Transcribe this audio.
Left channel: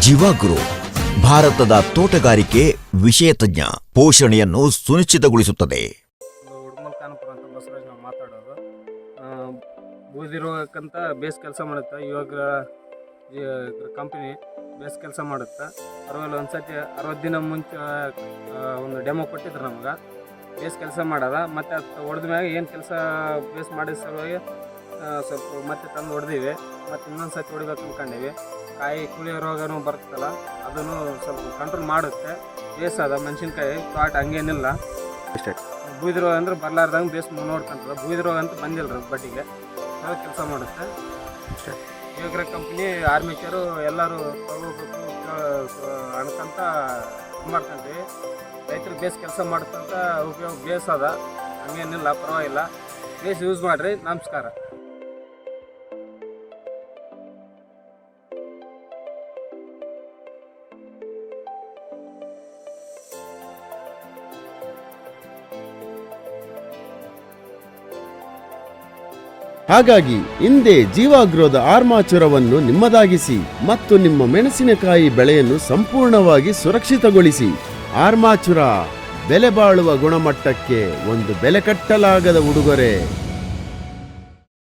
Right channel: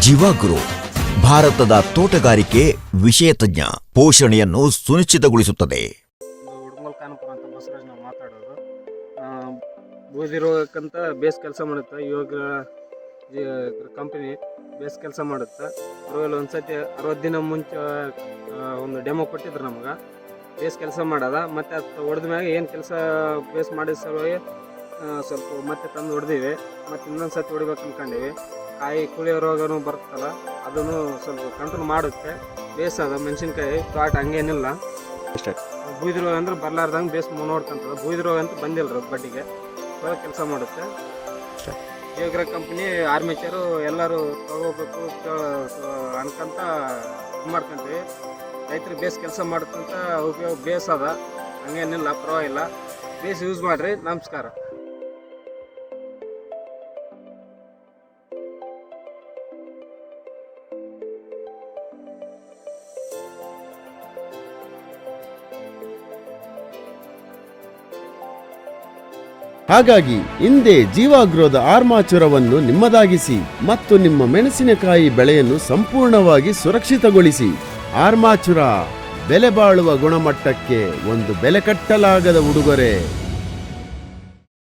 ಜೀವಾಗ್ರೋ, ಭಾರತದ ತೋಟಗಾರಿಕೆ ವಿಷಯ ತಜ್ಞ ಪೋಷಣೆಯನ್ನು ಸುನಿಶ್ಚಿತಗೊಳಿಸುತ್ತದೆ. ಬೇಸ್ ಕೆಲಸ ಮಾಡುತ್ತೆ. ಇವಾಗ ಕಂಪನಿ ಬೇಸ್ ಕೆಲಸ ಮಾಡುತ್ತೆ. ಅರವಲ್ಲಿ ಒಂದು ಸತಿ ಅರವತ್ತು ದಿನ ಮುಂಚೆ ಒಂದು ಡೆಮೋ ಕೊಟ್ಟಿದ್ರು ನಮ್ಗೆ. ಬೇಸ್ ಕೆಲಸ ಮಾಡೋದ. ಮತ್ತು ಅದು ಹೊಡೆದ ಮ್ಯಾಗ ಏನು ಕೆಲಸ ಬೇಸ್ ಮಾಡಿದ ಸಲುವಾಗಿ ಸ್ವಲ್ಪ ಮತ್ತೆ ತಂದು ಹೊಡೆದೀವಿ. ಮತ್ತು ಇನ್ನೊಂದು ಸತಿ ಹೊಡಿಬೇಕು ಅಂದ್ಕೊಂಡಿವಿ ಕಾಯಿ ಕುಳಿಯೋ ರೋಗನೂ ಬರ್ತಲ್ಲ ಅದನ್ನು ಸ್ವಲ್ಪ ಕಂಟ್ರೋಲ್ ಮಾಡುತ್ತೆ. ಬೇಸದ ಮೆಣಸಿನ್ಕಾಯಿ ತೋಟ ಹಂಗೇನಿಲ್ಲ. ಬೂದಿ ರೋಗ ಅಂದ್ರೆ ಬರ್ಲಾರ್ದಂಗೆ ಬೇಸ್ ನೋಡ್ಕೊಂತದ. ಬೂದಿ ರೋಗ ಅಂತ ಬಂದಿಲ್ಲ ರೀ ಬಡ್ಡಿಗೆ. ಕೆಲಸ ಮಾಡುತ್ತೆ. ಬೇಗ್ರೆ ಕಂಪ್ನಿ ಆರ್ಮಿಚರು ಎಲ್ಲರೂ ತಗೋಬೇಕು ಅನ್ಕಂತ ಇದ್ ಮಾಡ್ಕೊಂತೀವಿ. ರೈತರು ಬೇಸ್ ಕೆಲಸ ಮಾಡ್ಕೊಂತ ಉಪಯೋಗ ಬೇಸ್ ಅದ. ಹಂಗೇನಿಲ್ಲ ಪರವಾಗಿಲ್ಲ. ಬೇಸ್ ಯೂಸ್ ಮಾಡಿರಿ. ನಮಸ್ಕಾರ. ಹಾಗಾಗಿ ಹಿಂದೆ ಜೀವಾಗ್ರೋದ ಆರ್ಮಾಚುರವನ್ನು ನಿಮ್ಮದಾಗಿಸಿ ಮತ್ತು ನಿಮ್ಮ ಮೆಣಸಿನಕಾಯಿ ಬೆಳೆಯನ್ನು ಸಂಪೂರ್ಣವಾಗಿ ಸುರಕ್ಷಿತಗೊಳಿಸಿ. ಆರ್ಮಾಚುರ, ಬೆಲೆ ಬಾಳುವ ಗುಣಮಟ್ಟಕ್ಕೆ ಒಂದು ಬೆಲೆ ಕಟ್ಟಲಾಗದ ಉಡುಗೊರೆ.